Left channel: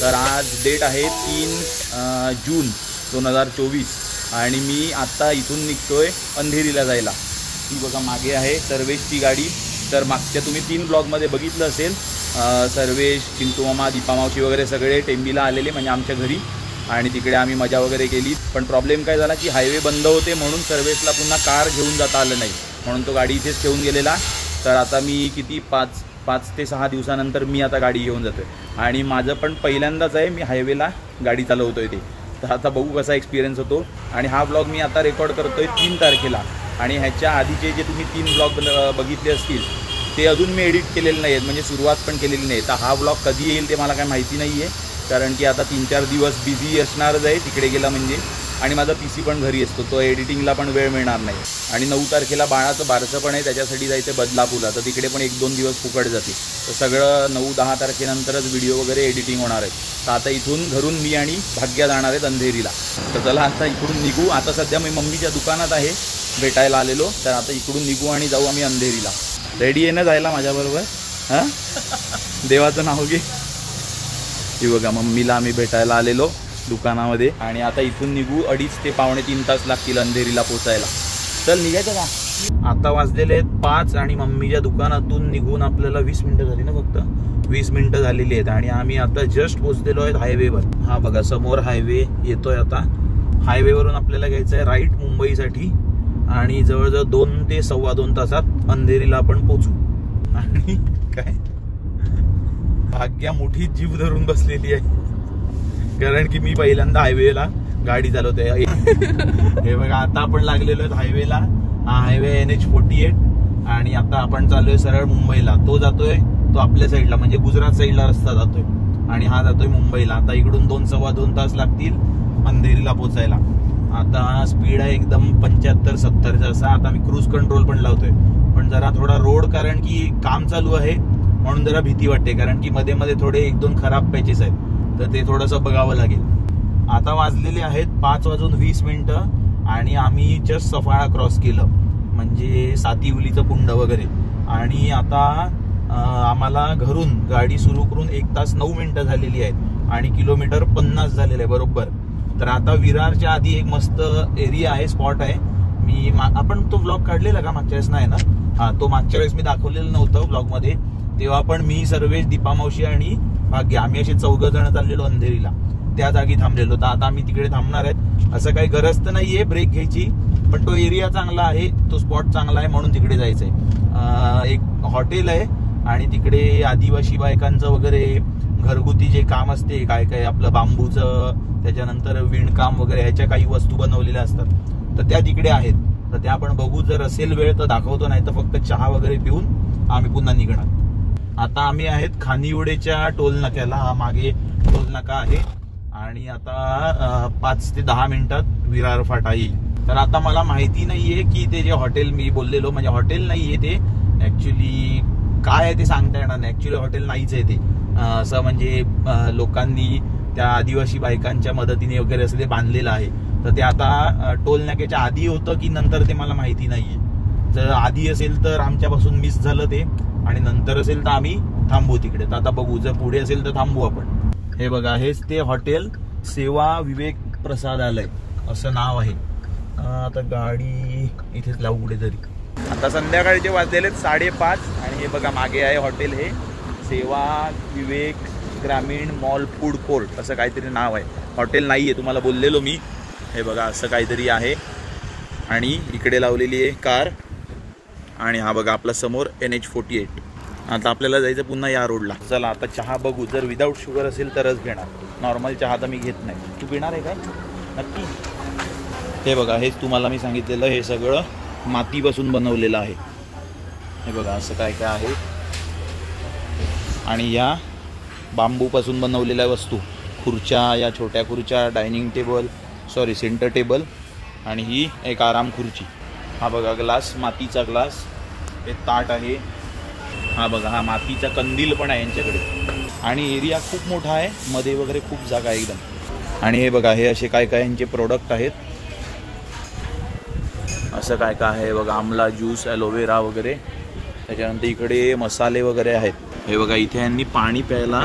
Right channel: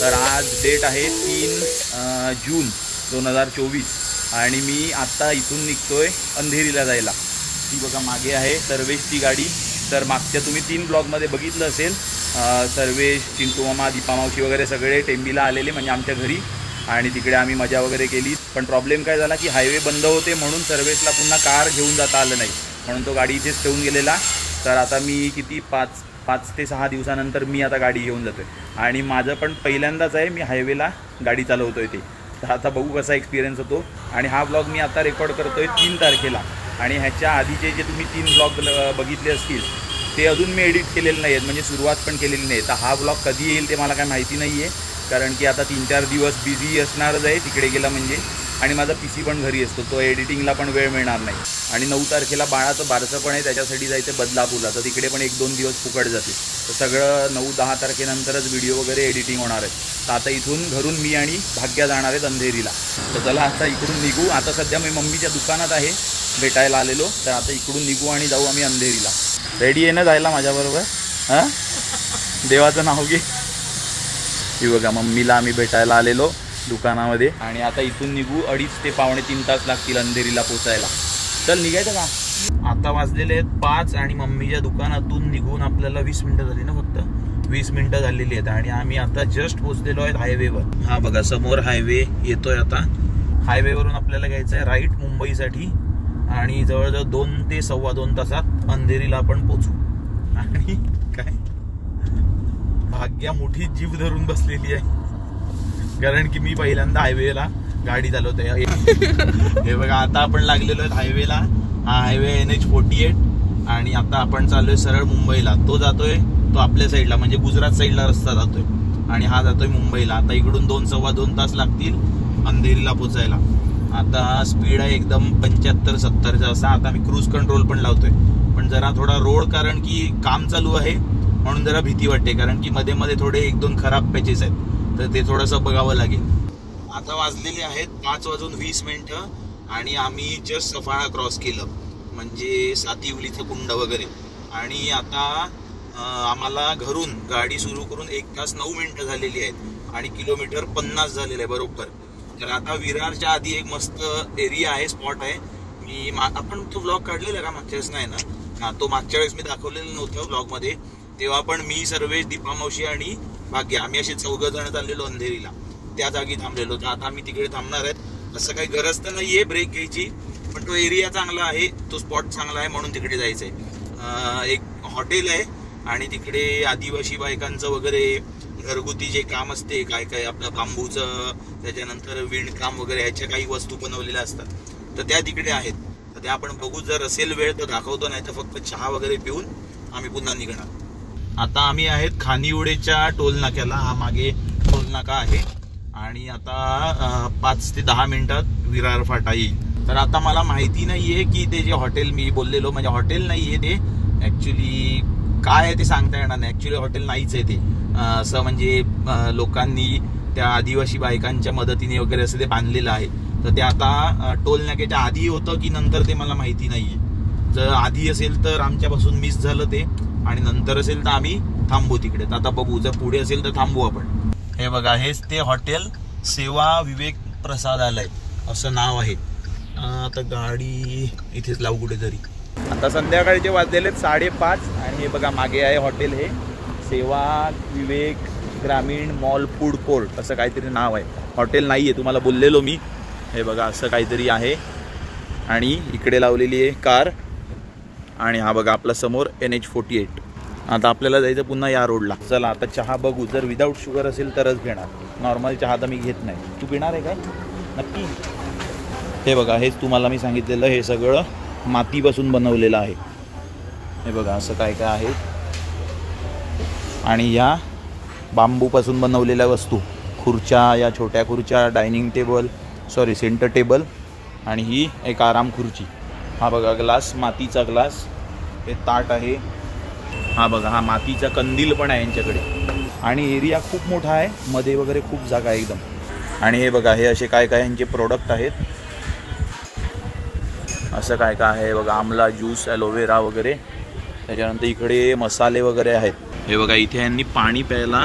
तर आज डेट आहे 3 जून 2024 आणि मी आता इथून निघतोय अंधेरीला जायला। ती बघा मागे आहे सर्वेशची गाडी। तर मागच्या तुम्ही 3 ब्लॉगमध्ये बघितलं असेल, सर्वेश, चिंटू मामा, दीपा मावशी वगैरे सगळे टेंबीला आलेले म्हणजे आमच्या घरी, आणि तिकडे आम्ही मजा वगैरे केली। पण प्रॉब्लेम काय झाला की हायवे बंद होते म्हणून सर्वेशला पुन्हा कार घेऊन जाता आलं नाही, म्हणून तो गाडी इथेच ठेवून गेलेला। तर आता मी किती 5 ते 6 दिवसानंतर मी आता गाडी घेऊन जातोय आणि माझं पण पहिल्यांदाच आहे मी हायवेला गाडी चालवतोय ते। तर आता बघू कसा एक्सपिरियन्स होतो। आणि हा ब्लॉग मी आता रेकॉर्ड करतोय 3 तारखेला आणि ह्याच्या आधीचे जे तुम्ही 3 ब्लॉग बघितले असतील ते अजून मी एडिट केलेले नाही आहेत, म्हणजे सुरुवात पण केलेली नाही। तर हा ब्लॉग कधी येईल ते मला काय माहिती नाही आहे, कारण की आता 3-4 दिवस बिझी असणारच आहे तिकडे गेलं म्हणजे, आणि माझा PC पण घरी असतो, तो एडिटिंगला पण वेळ मिळणार नाही। आणि 9 तारखेला बाळाचं बारसं पण आहे, त्याच्यासाठी जायचं बदलापूरला, तर तिकडे पण 1-2 दिवस फुकट जातील। तर सगळं 9-10 तारखेनंतरच व्हिडिओ वगैरे एडिटिंग होणार आहे। तर आता इथून घरून मी आणि भाग्य जाणार आहेत अंधेरीला। तर चला आता इकडून निघू। आता सध्या मी मम्मीच्या दुकानात आहे, भेटायला आलेलो, तर आता इकडून निघू आणि जाऊ आम्ही अंधेरीला। रेडी आहे ना जायला माझ्याबरोबर? हां, देवाचं नाव घे। ही बघा मम्मीला आम्ही भेटायला आलेलो दुकानामध्ये आणि आता इथून निघू। 2.5 ते पावणे 3 तास लागतील अंधेरीला पोचायला। चल निघायचं का? आता वाजलेले आहेत 5 आणि मम्मीच्या दुकानातून निघून आपल्याला 20 मिनिटं झाली ना, फक्त 20 मिनिटं झालेली आहेत आणि आम्ही आता जस्ट पोहोचलेलो आहेत हायवेवर। हा बघा समोर हायवे येतोय। आता हायवेवरून आपल्याला घ्यायचं आहे राईट मुंबईसाठी आणि जवळजवळ 2 ते 2.25 तासात अंधेरीला आपण पोचू। आणि काय भाग्या मोठी जीभ धरून बसलेली आहे, कारण की मी पहिल्यांदा हायवेला गाडी चालवतोय। हे बघा आता आपण लागलेलो आहे हायवेला। हा हायवे NH48 आणि आता आपण चाललोय सरळ मुंबईला। तो जातोय तो आपल्या साईडला म्हणजे गुजरात साईडला रस्ता जातोय आणि हा जातोय मुंबईला। आता इकडून 2-2.25 तास लागतील अंधेरीला पोचायला। आता स्पीड आहे एकदम 75-70 असा। आता मी क्रूज कंट्रोल पण लावतोय, पण जरा थोडा रोड कारण की काम चालू आहे म्हणून जरा भीती वाटते, कारण की मध्ये मध्ये थोडे 1-2 खराब पॅचेस आहेत, तर ते थोडंसं बघावं लागेल। आता वाजलेले आहेत 5:20 आणि आम्ही जस्ट सफाळा क्रॉस केलं, म्हणजे सातिवलीचं कुंड वगैरे। आणि आता आम्हाला घरून गाडी सुरू करून 1 तास 9 मिनिटं झालेली आहेत आणि किलोमीटर 50 झालेलं आहे बरोबर। तर आता विरारच्या आधी एक मस्त एरिया आहे, स्पॉट आहे। मी आपण तो ब्लॉग काढलेला का मागच्या वेळेस? नाही ना? हा, तो मागच्या वेळेस मी दाखवलेलं नव्हतं ब्लॉगमध्ये, तेव्हा पण मी, सर्वेश, दीपा मावशी आणि भाग्य आम्ही असे 4 जण चाललेलो अंधेरीला, त्या जागी थांबलेलो। तर आता आम्ही तिकडे थांबणार आहे। असं काही गरज तर नाहीये ब्रेक घ्यायची, पण तो एरिया चांगला आहे, तो स्पॉट चांगला आहे म्हणून तिकडे जायचंय। एक हॉटेल आहे आणि तिकडे आदिवासी बायकांचं वगैरे घरगुती जे काम असते, काय काय आपलं बांबूचं, त्याच्यानंतर विणकाम वगैरे ह्याच्या काही वस्तू बनवलेल्या असतात, तर त्या तिकडे आहेत। तर त्या आपण बघू, जर असेल वेळ तर दाखवतो, नाही तर फक्त चहा वगैरे पिऊन आम्ही पुन्हा निघणार। आता आम्ही आहेत खानिवडेच्या टोल नाक्याला, हा मागे टोल नाका आहे आणि आता 5 ते 10 मिनिटात विरार फाटा येईल। तर आता मला माहिती नाहीये की ते जे हॉटेल मी बोललेलो, म्हणजे हॉटेल नाहीये ते, ऍक्च्युली काय आहे ते सांगता येणार नाही। ऍक्च्युली हॉटेल नाहीच आहे ते, असं म्हणजे लोकांनी त्या आदिवासी बायकांच्या मदतीने वगैरे असं ते बांधलेलं आहे। तर ते आता टोल नाक्याच्या आधी होतं की नंतर ते मला माहिती नाहीये। जर आधी असेल तर आमच्यापासून मिस झालं ते, आणि नंतर असेल तर आम्ही थांबू तिकडे। तर आता बघू, जर पुढे असेल तर थांबू आपण। हे बघा, हेच ते हॉटेल सेवा विवेक प्रसादालय असं नाव आहे। आता गाडी इथेच लावू कुठेतरी। आता संध्याकाळी ते वाजलेले 5:30 आणि हे बघा मागे आहे हॉटेल, हे सेवा विवेक ग्रामीण मॉल फूड कोर्ट असं काहीतरी नाव आहे। हॉटेल नाहीये, तुम्हाला बोललेलो मी। हे बघा असं काहीतरी आहे आणि इकडे लावलेली आहे कार आणि हा बघा आपला समोर NH48। आता आपल्याला जायचं पुन्हा या रोडला। चला आता चहा बघू, जर विदाऊट शुगर असेल तरच घेणार, नॉर्मल चहा तर मी घेत नाही। तू पिणार आहे का? नक्की। हे बघा, हेच तुम्हाला मी सांगितलेलं, हे सगळं मातीपासून बनवलेलं आहे। हे बघा असं काय काय आहे आणि ह्या बांबूपासून बनवलेल्या वस्तू, खुर्च्या, या छोट्या खुर्च्या, dining table, sorry centre table, आणि ही एक आराम खुर्ची। हा बघा ग्लास, मातीचा ग्लास, हे ताट आहे। हा बघा, हा मातीचा कंदील पण आहे यांच्याकडे आणि एरिया खूप मोठा आहे, मध्ये वगैरे खूप जागा आहे एकदम। आणि हे बघा, हे असे काय काय यांचे प्रोडक्ट आहेत, असं काय काय आहे बघा, आमला ज्यूस, ॲलोव्हेरा वगैरे। त्याच्यानंतर इकडे मसाले वगैरे आहेत। हे बघा, इथे यांनी पाणी प्यायला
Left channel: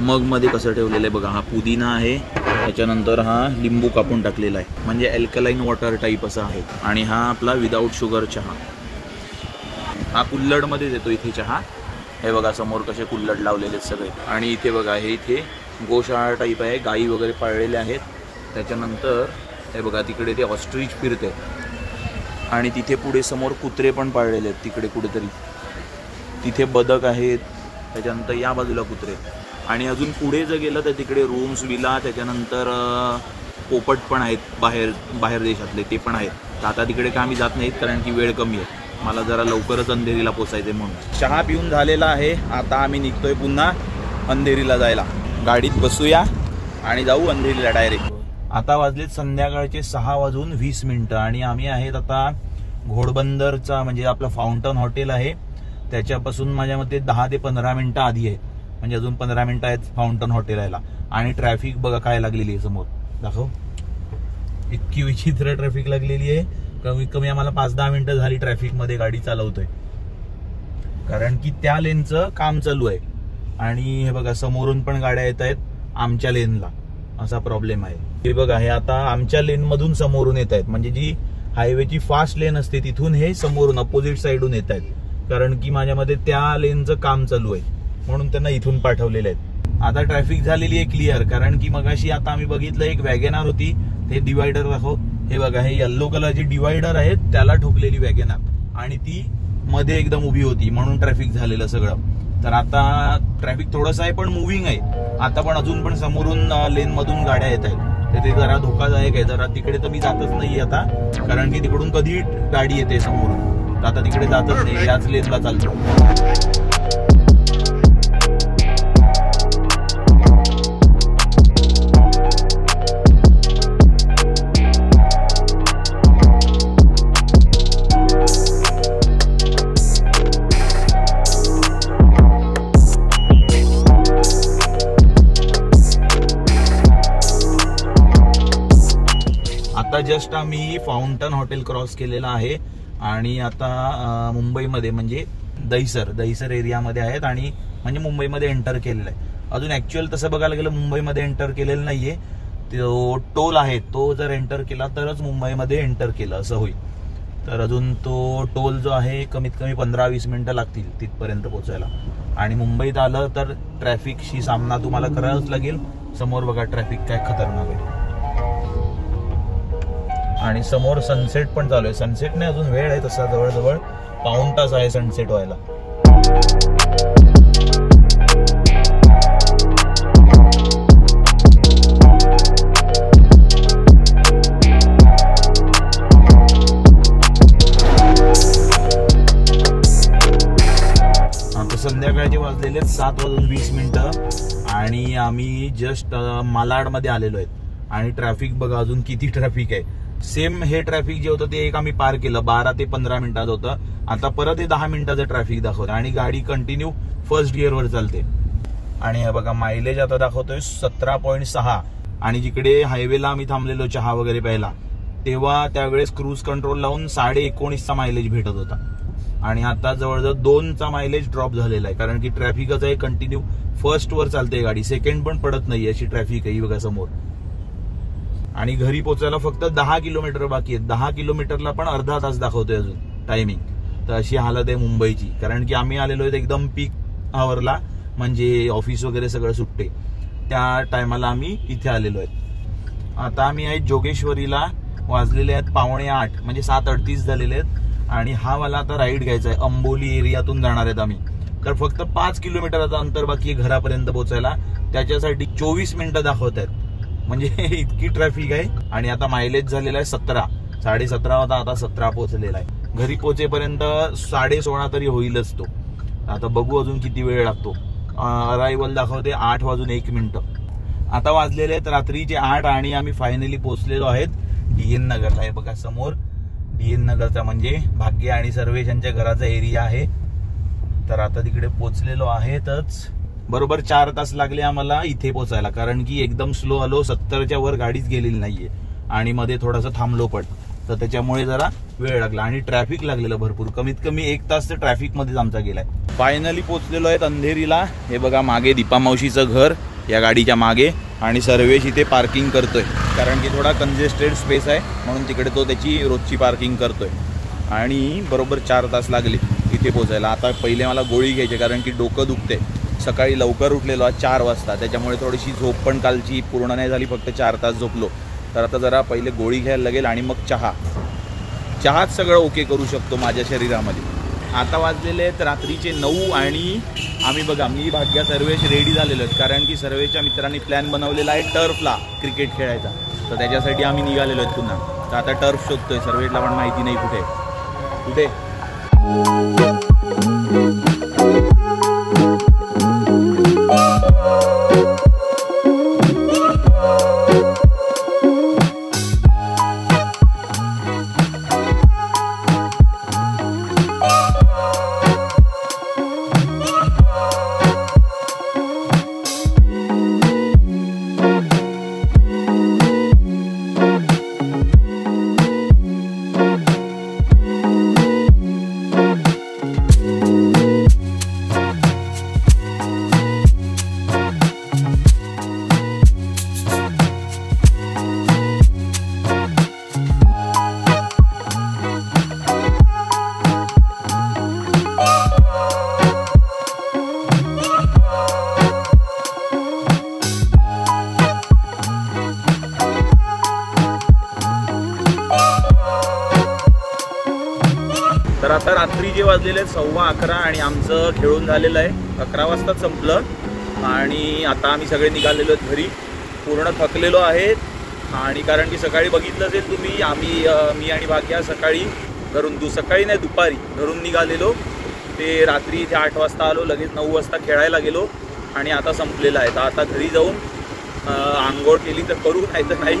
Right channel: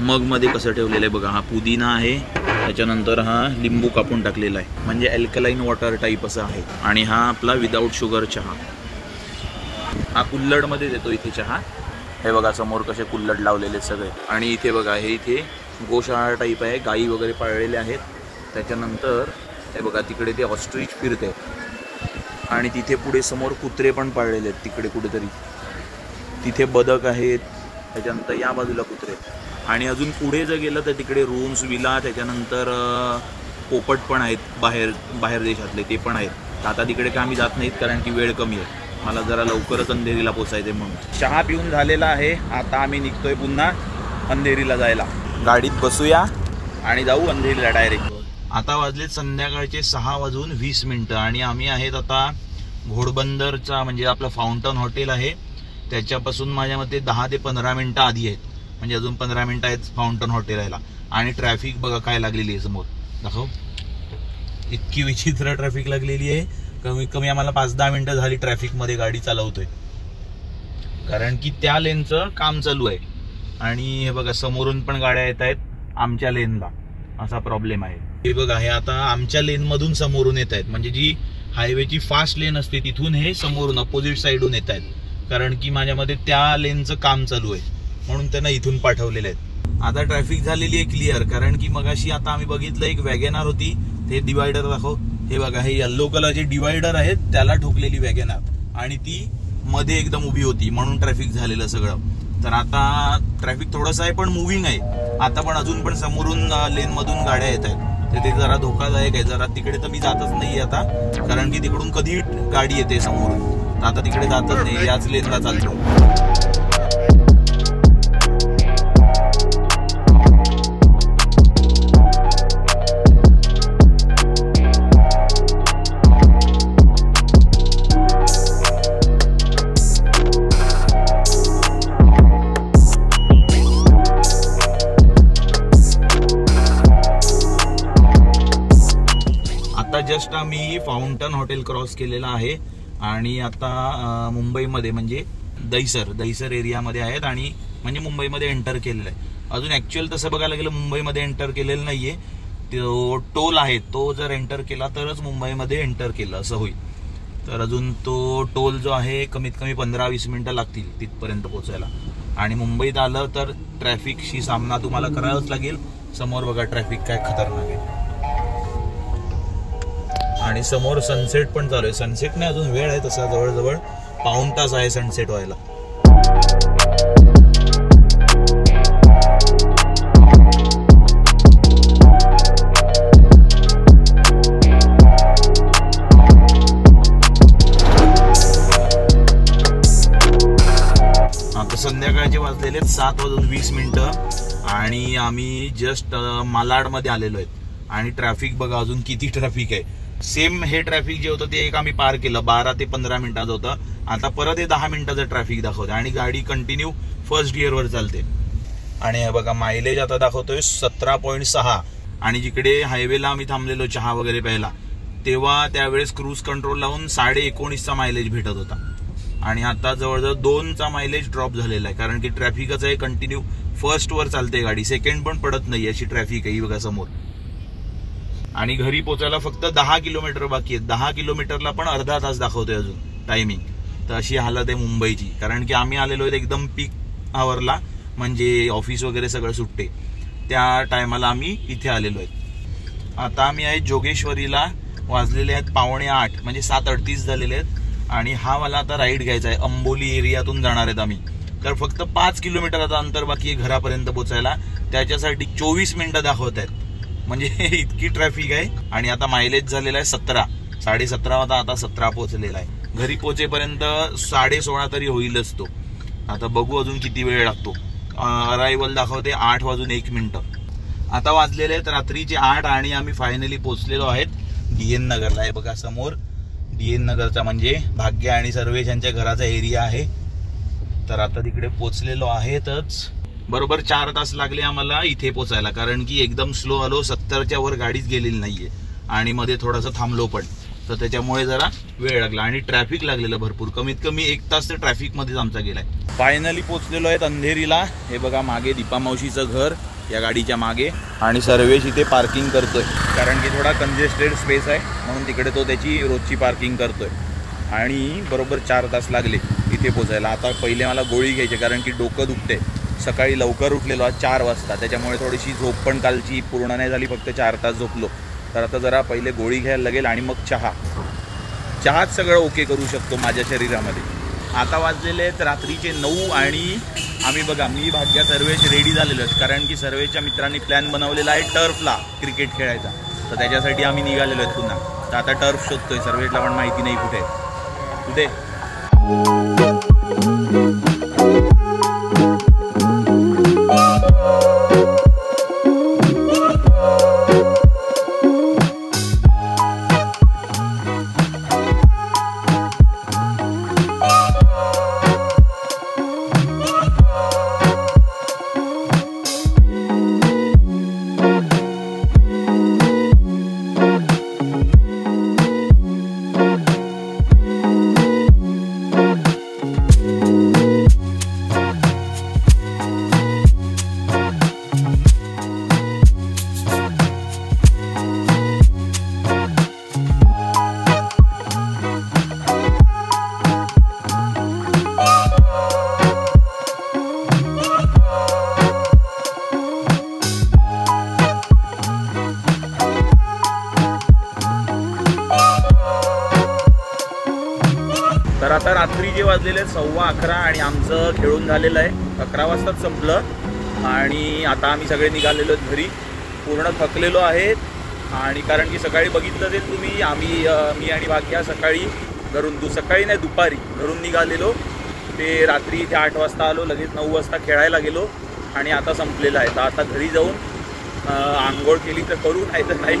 मग मध्ये कसं ठेवलेलं आहे बघा. हा पुदिना आहे, त्याच्यानंतर हा लिंबू कापून टाकलेला आहे, म्हणजे अल्कलाईन वॉटर टाईप असं आहे. आणि हा आपला विदाऊट शुगर चहा. हा कुल्लड मध्ये देतो इथे चहा. हे बघा समोर कसे कुल्लड लावलेले आहेत सगळे. आणि इथे बघा हे इथे गोशाळा टाईप आहे, गाई वगैरे पाळलेले आहेत. त्याच्यानंतर हे बघा तिकडे ते ऑस्ट्रिच फिरते आणि तिथे पुढे समोर कुत्रे पण पाळलेले आहेत तिकडे कुठेतरी. तिथे बदक आहेत, त्याच्यानंतर या बाजूला कुत्रे. आणि अजून पुढे जर गेलं तर तिकडे रूम्स, विला, त्याच्यानंतर पोपट पण आहेत बाहेर देशातले, ते पण आहेत. आता तिकडे का आम्ही जात नाहीत कारण की वेळ कमी आहे, मला जरा लवकरच अंधेरीला पोचायचे म्हणून. चहा पिऊन झालेला आहे, आता आम्ही निघतोय पुन्हा अंधेरीला जायला. गाडीत बसूया आणि जाऊ अंधेरीला डायरेक्ट. आता वाजले संध्याकाळचे 6:20 आणि आम्ही आहेत आता घोडबंदरचा, म्हणजे आपला फाउंटन हॉटेल आहे त्याच्यापासून माझ्या मते 10 ते 15 मिनिटं आधी आहेत, म्हणजे अजून 15 मिनिटं आहेत फाउंटन हॉटेल यायला. आणि ट्रॅफिक बघा काय लागलेली आहे समोर, दाखव. इतकी विचित्र ट्रॅफिक लागलेली आहे, कमीत कमी आम्हाला 5-10 मिनिटं झाली ट्रॅफिक मध्ये गाडी चालवतोय, कारण की त्या लेनचं काम चालू आहे. आणि हे बघा समोरून पण गाड्या येत आहेत आमच्या लेनला, असा प्रॉब्लेम आहे. हे बघा हे आता आमच्या लेन मधून समोरून येत आहेत, म्हणजे जी हायवेची फास्ट लेन असते तिथून हे समोरून अपोजिट साइडून येत आहेत, कारण की माझ्यामध्ये त्या लेनचं काम चालू आहे म्हणून त्यांना इथून पाठवलेले आहेत. आता ट्रॅफिक झालेली आहे क्लिअर, कारण की मगाशी आता आम्ही बघितलं एक वॅगनार होती, ते डिवायडर दाखव. हे बघा हे येल्लो कलरची डिवायडर आहेत त्याला ठोकलेली वॅगनार, आणि ती मध्ये एकदम उभी होती म्हणून ट्रॅफिक झालेलं सगळं. तर आता ट्रॅफिक थोडंसं आहे पण मुव्हिंग आहे आता, पण अजून पण समोरून लेन मधून गाड्या येत आहेत, ते जरा धोकादायक आहे. जरा तिकडे तर मी जातच नाही आता, कारण की तिकडून कधी गाडी येते समोरून, आता तिकडे जातच नाही, याच लेनला चालतो. जस्ट आम्ही फाउंटन हॉटेल क्रॉस केलेला आहे आणि आता मुंबईमध्ये म्हणजे दहिसर एरियामध्ये आहेत, आणि म्हणजे मुंबईमध्ये एंटर केलेलं आहे. अजून ऍक्च्युअल तसं बघायला गेलं मुंबईमध्ये एंटर केलेलं नाहीये, तो टोल आहे तो जर एंटर केला तरच मुंबईमध्ये एंटर केलं असं होईल. तर अजून तो टोल जो आहे कमीत कमी 15-20 मिनिटं लागतील तिथपर्यंत पोहोचायला. आणि मुंबईत आलं तर ट्रॅफिकशी सामना तुम्हाला करावाच लागेल. समोर बघा ट्रॅफिक काय खतरनाक आहे, आणि समोर सनसेट पण चालू आहे. सनसेट नाही अजून वेळ आहे तसा, जवळजवळ पाऊण तास आहे सनसेट व्हायला. आता संध्याकाळचे वाजलेले 7:20 आणि आम्ही जस्ट मालाडमध्ये आलेलो आहेत. आणि ट्रॅफिक बघा अजून किती ट्रॅफिक आहे. सेम हे ट्रॅफिक जे होतं ते एक आम्ही पार केलं 12 ते 15 मिनिटात होतं, आता परत हे 10 मिनिटाचं ट्रॅफिक दाखवतं, आणि गाडी कंटिन्यू फर्स्ट गिअरवर चालते. आणि हे बघा मायलेज आता दाखवतोय 17.6. आणि जिकडे हायवेला आम्ही थांबलेलो चहा वगैरे प्यायला तेव्हा त्यावेळेस क्रूज कंट्रोल लावून 19.5चा मायलेज भेटत होता, आणि आता जवळजवळ 2चा मायलेज ड्रॉप झालेला आहे, कारण की ट्रॅफिकच आहे, कंटिन्यू फर्स्ट वर चालते गाडी, सेकंड पण पडत नाही अशी ट्रॅफिक आहे बघा समोर. आणि घरी पोहोचायला फक्त 10 किलोमीटर बाकी आहेत. 10 किलोमीटरला पण अर्धा तास दाखवतोय अजून टायमिंग. तर अशी हालत आहे मुंबईची, कारण की आम्ही आलेलो आहेत एकदम पीक आवरला, म्हणजे ऑफिस वगैरे सगळं सुटते त्या टायमाला आम्ही इथे आलेलो आहेत. आता आम्ही आहे जोगेश्वरीला, वाजलेले आहेत 7:45 म्हणजे 7:38 झालेले आहेत. आणि हा मला आता राईड घ्यायचा आहे, अंबोली एरियातून जाणार आहेत आम्ही. तर फक्त 5 किलोमीटर आता अंतर बाकी घरापर्यंत पोहोचायला, त्याच्यासाठी 24 मिनिटं दाखवत आहेत, म्हणजे इतकी ट्रॅफिक आहे. आणि आता मायलेज झालेला आहे 17, 17.5 होता, आता 17 पोहोचलेला आहे. घरी पोहोचेपर्यंत 16:30 तरी होईलच तो. आता बघू अजून किती वेळ लागतो. अरायवल दाखवते 8:01. आता वाजलेले आहेत रात्रीचे 8 आणि आम्ही फायनली पोहोचलेलो आहेत DN नगरला. आहे बघा समोर DN नगरचा म्हणजे भाग्य आणि सर्वेश यांच्या घराचा एरिया आहे. तर आता तिकडे पोहोचलेलो आहेतच. बरोबर 4 तास लागले आम्हाला इथे पोहोचायला, कारण की एकदम स्लो आलो, 70च्या वर गाडीच गेलेली नाहीये आणि मध्ये थोडंसं थांबलो पण. तर त्याच्यामुळे जरा वेळ लागला आणि ट्रॅफिक लागलेलं भरपूर, कमीत कमी 1 तास तर ट्रॅफिक मध्येच आमचा गेलाय. फायनली पोहोचलेलो आहेत अंधेरीला. हे बघा मागे दीपा मावशीचं घर या गाडीच्या मागे, आणि सर्वेश इथे पार्किंग करतोय कारण की थोडा कंजेस्टेड स्पेस आहे म्हणून तिकडे तो त्याची रोजची पार्किंग करतोय. आणि बरोबर 4 तास लागले इथे पोहोचायला. आता पहिले मला गोळी घ्यायची कारण की डोकं दुखते. सकाळी लवकर उठलेलो आज 4 वाजता, त्याच्यामुळे थोडीशी झोप पण कालची पूर्ण नाही झाली, फक्त 4 तास झोपलो. तर आता जरा पहिले गोळी घ्यायला लागेल आणि मग चहात सगळं ओके करू शकतो माझ्या शरीरामध्ये. आता वाजलेले आहेत रात्रीचे 9 आणि आम्ही बघा मी भाग्या सर्वेश रेडी झालेलो आहेत कारण की सर्वेच्या मित्रांनी प्लॅन बनवलेला आहे टर्फला क्रिकेट खेळायचा. तर त्याच्यासाठी आम्ही निघालेलो आहेत पुन्हा. तर आता टर्फ शोधतोय. सर्वेशला पण माहिती नाही कुठे कुठे. तर आता रात्री जे वाजलेले 11:15 आणि आमचं खेळून झालेलं आहे. 11 वाजता संपलं आणि आता आम्ही सगळे निघालेलो घरी. पूर्ण थकलेलो आहेत आणि कारण की सकाळी बघितलं ते तुम्ही मी आणि भाग्या सकाळी सकाळी नाही दुपारी घरून निघालेलो. ते रात्री ते 8 वाजता आलो, लगेच 9 वाजता खेळायला गेलो आणि आता संपलेलं आहे. तर आता घरी जाऊन आंघोळ केली तर करू, नाही तर नाही,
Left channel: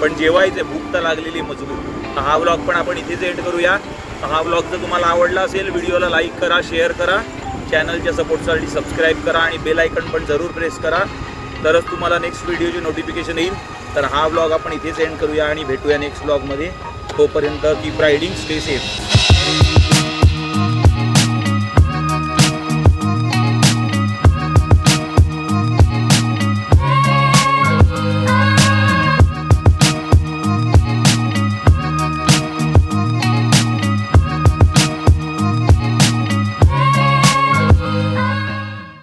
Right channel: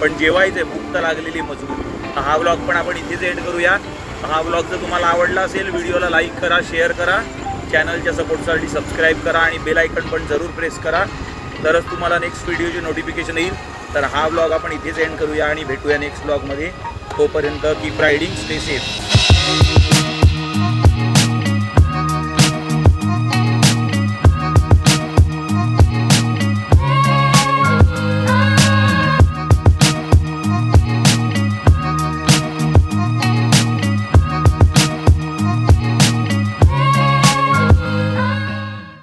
पण जेवायचं भूक तर लागलेली मजबूत. हा ब्लॉग पण आपण इथेच एंड करूया. हा ब्लॉग जर तुम्हाला आवडला असेल व्हिडिओला लाईक करा, शेअर करा, चॅनलच्या सपोर्टसाठी सबस्क्राईब करा आणि बेल आयकॉन पण जरूर प्रेस करा, तरच तुम्हाला नेक्स्ट व्हिडिओची नोटिफिकेशन येईल. तर हा ब्लॉग आपण इथेच एंड करूया आणि भेटूया नेक्स्ट ब्लॉगमध्ये. तोपर्यंत कीप रायडिंग, स्टे सेफ.